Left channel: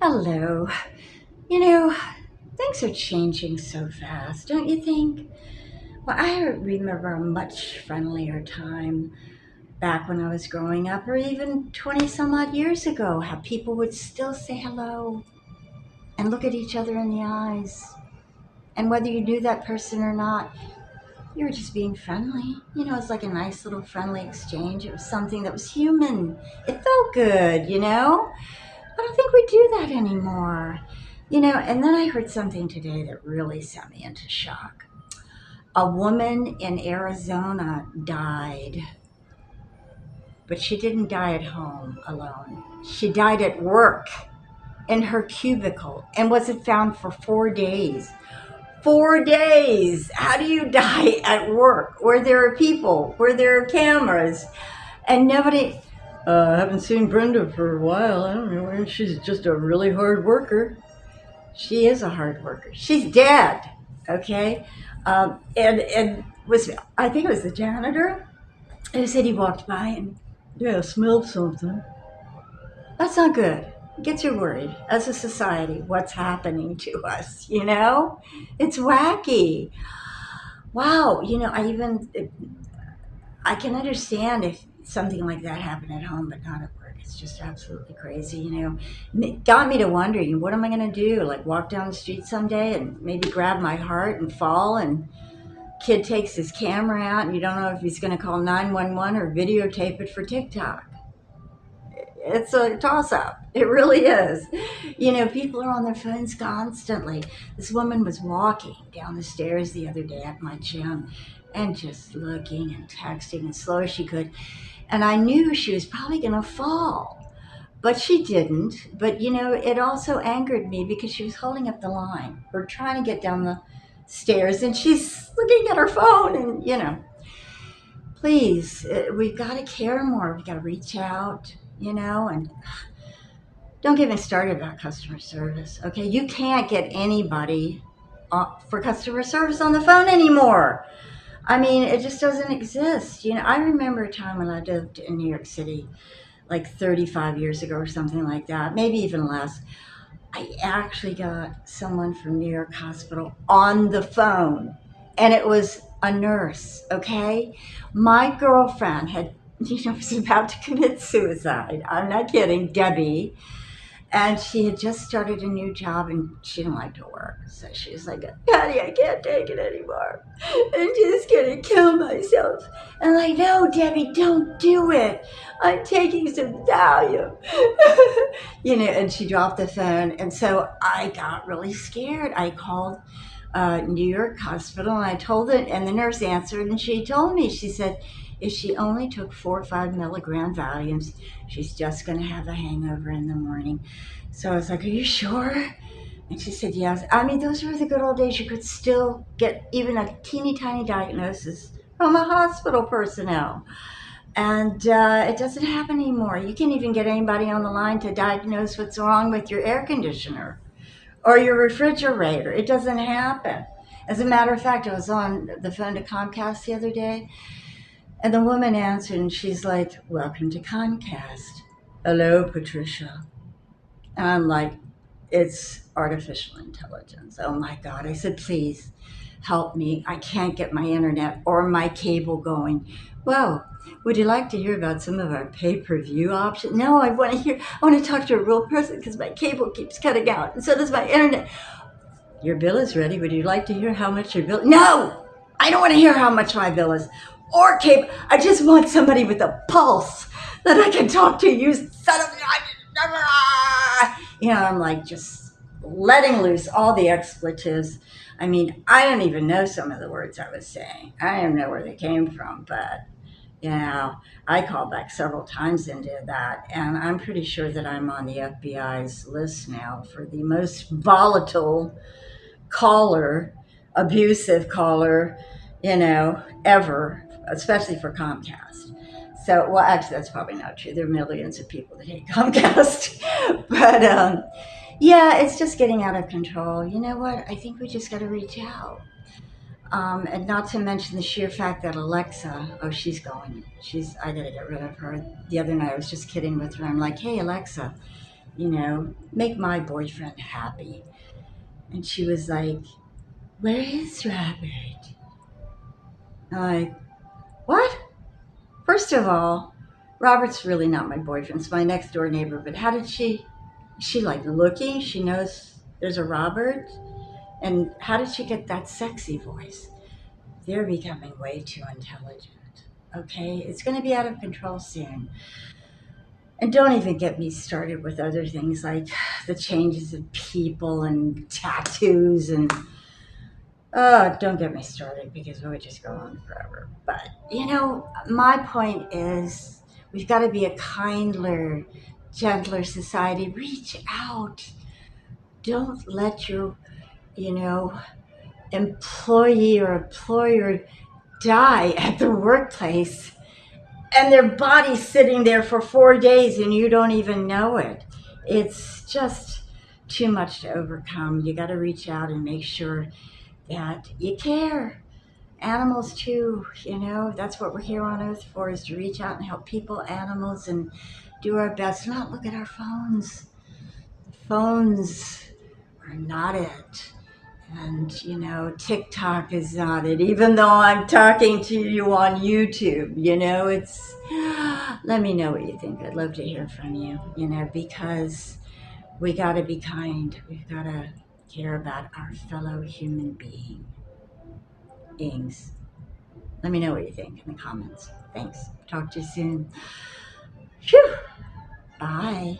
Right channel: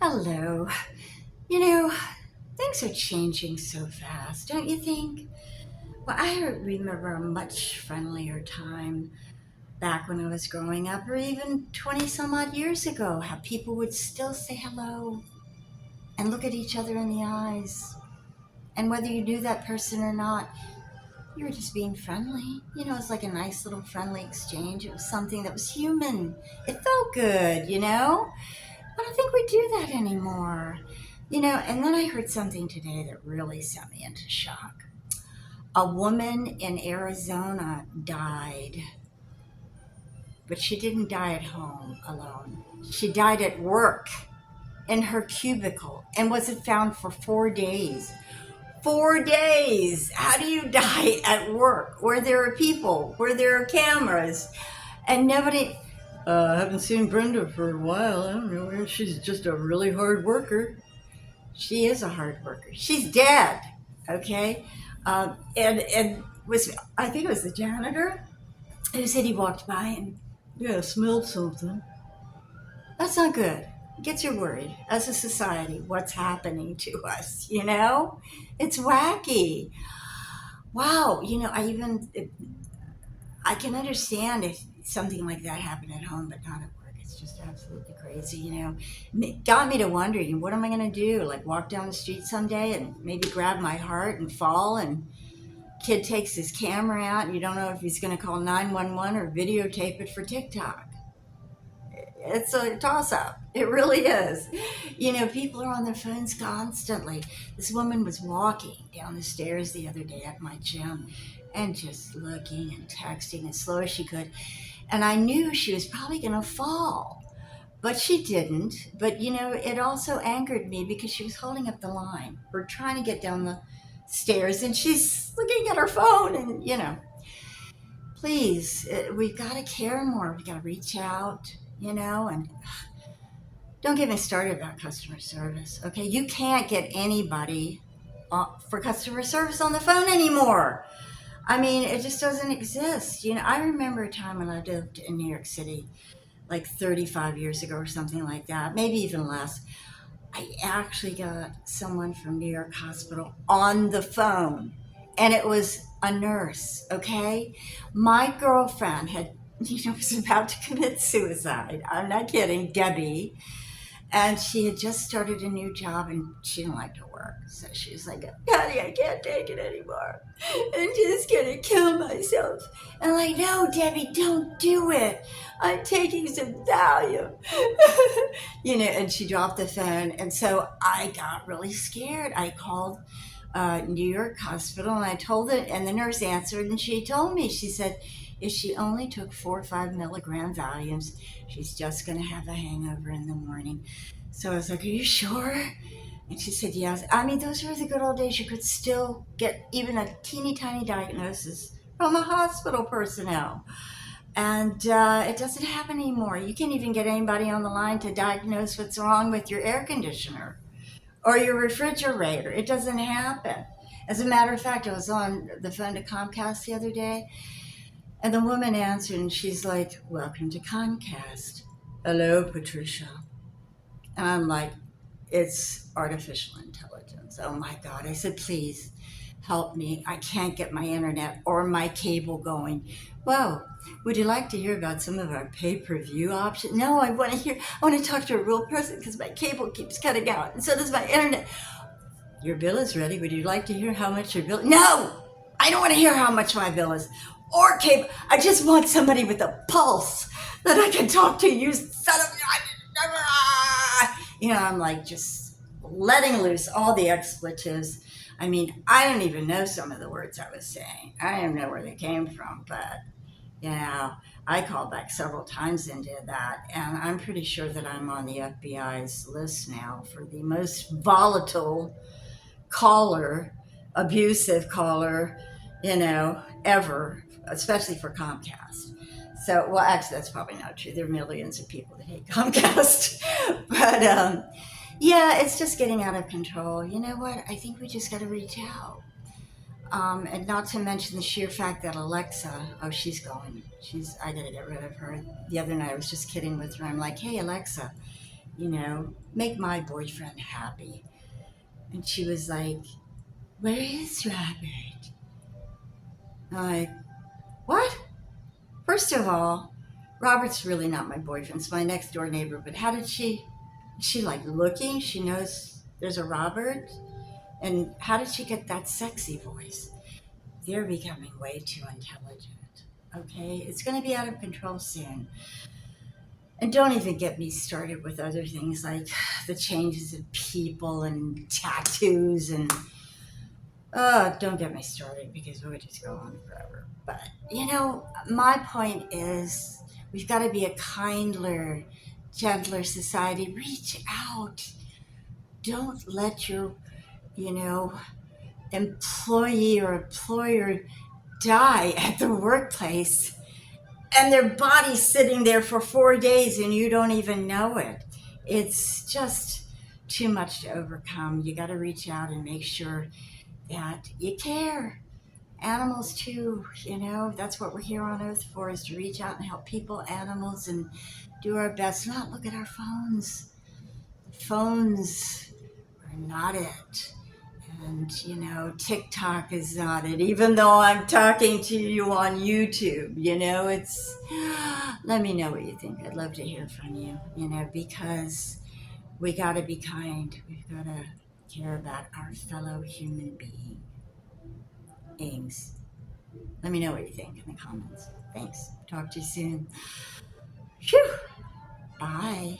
Hello. You know, things are changing so fast, don't you think? Well, I remember a much friendlier time back when I was growing up, or even 20 some odd years ago, how people would still say hello and look at each other in the eyes. And whether you knew that person or not, you were just being friendly. It was like a nice little friendly exchange. It was something that was human. It felt good, I don't think we do that anymore. And then I heard something today that really sent me into shock. A woman in Arizona died, but she didn't die at home alone. She died at work in her cubicle and wasn't found for 4 days. 4 days! How do you die at work where there are people, where there are cameras, and nobody. I haven't seen Brenda for a while. I don't know. She's just a really hard worker. She is a hard worker. She's dead. Okay, and was I think it was the janitor who said he walked by and yeah smelled something. That's not good. It gets you worried as a society. What's happening to us? It's wacky. Wow. I can understand if something like that happened at home, but not at work. It's just absolutely crazy. It got me to wonder, what am I going to do? Like walk down the street someday and maybe grab my heart and fall, and kid takes his camera out, and you don't know if he's going to call 911 or videotape it for TikTok. It's a toss up. It really is. People are on their phones constantly. This woman was walking down the stairs the other day at my gym and just looking and texting as slow as she could. And I knew she was probably going to fall, but she didn't. But, it also angered me because she was holding up the line. We're trying to get down the stairs and she's looking at her phone and, please, we've got to care more. We've got to reach out, and don't get me started about customer service. Okay, you can't get anybody for customer service on the phone anymore. I mean, it just doesn't exist. I remember a time when I lived in New York City, like 35 years ago or something like that, maybe even less. I actually got someone from New York Hospital on the phone, and it was a nurse. Okay, my girlfriend had, was about to commit suicide. I'm not kidding, Debbie. And she had just started a new job and she didn't like to work. So she was like, Patty, I can't take it anymore. I'm just going to kill myself. And I'm like, no, Debbie, don't do it. I'm taking some Valium. And she dropped the phone. And so I got really scared. I called New York Hospital and I told it, and the nurse answered and she told me, she said, if she only took 4 or 5 milligram Valiums, she's just going to have a hangover in the morning. So I was like, are you sure? And she said, yes. I mean, those were the good old days. You could still get even a teeny tiny diagnosis from a hospital personnel. And it doesn't happen anymore. You can't even get anybody on the line to diagnose what's wrong with your air conditioner or your refrigerator. It doesn't happen. As a matter of fact, I was on the phone to Comcast the other day, and the woman answered, and she's like, welcome to Comcast. Hello, Patricia. And I'm like, it's artificial intelligence. Oh my God. I said, please help me. I can't get my internet or my cable going. Well, would you like to hear about some of our pay-per-view options? No, I want to talk to a real person because my cable keeps cutting out. And so does my internet. Your bill is ready. Would you like to hear how much your bill? No, I don't want to hear how much my bill is or cable. I just want somebody with a pulse that I can talk to. You son of I'm like just letting loose all the expletives. I mean, I don't even know some of the words I was saying. I don't know where they came from, but you know, I called back several times and did that, and I'm pretty sure that I'm on the FBI's list now for the most volatile caller, abusive caller, ever, especially for Comcast. So, well, actually, that's probably not true. There are millions of people that hate Comcast. But yeah, it's just getting out of control. You know what? I think we just got to reach out. And not to mention the sheer fact that Alexa, oh, she's going. I got to get rid of her. The other night, I was just kidding with her. I'm like, hey, Alexa, make my boyfriend happy. And she was like, where is Robert? I'm like, what? First of all, Robert's really not my boyfriend. It's my next door neighbor. But how did she like looking? She knows there's a Robert. And how did she get that sexy voice? They're becoming way too intelligent. Okay? It's going to be out of control soon. And don't even get me started with other things like the changes in people and tattoos and oh, don't get me started because it would just go on forever. But my point is we've got to be a kinder, gentler society. Reach out. Don't let your, you know, employee or employer die at the workplace and their body's sitting there for 4 days and you don't even know it. It's just too much to overcome. You got to reach out and make sure that you care. Animals too, that's what we're here on earth for, is to reach out and help people, animals, and do our best. Not look at our phones. Phones are not it. And, TikTok is not it. Even though I'm talking to you on YouTube, it's. Let me know what you think. I'd love to hear from you, because we got to be kind. We've got to care about our fellow human beings. Let me know what you think in the comments. Thanks. Talk to you soon. Phew. Bye.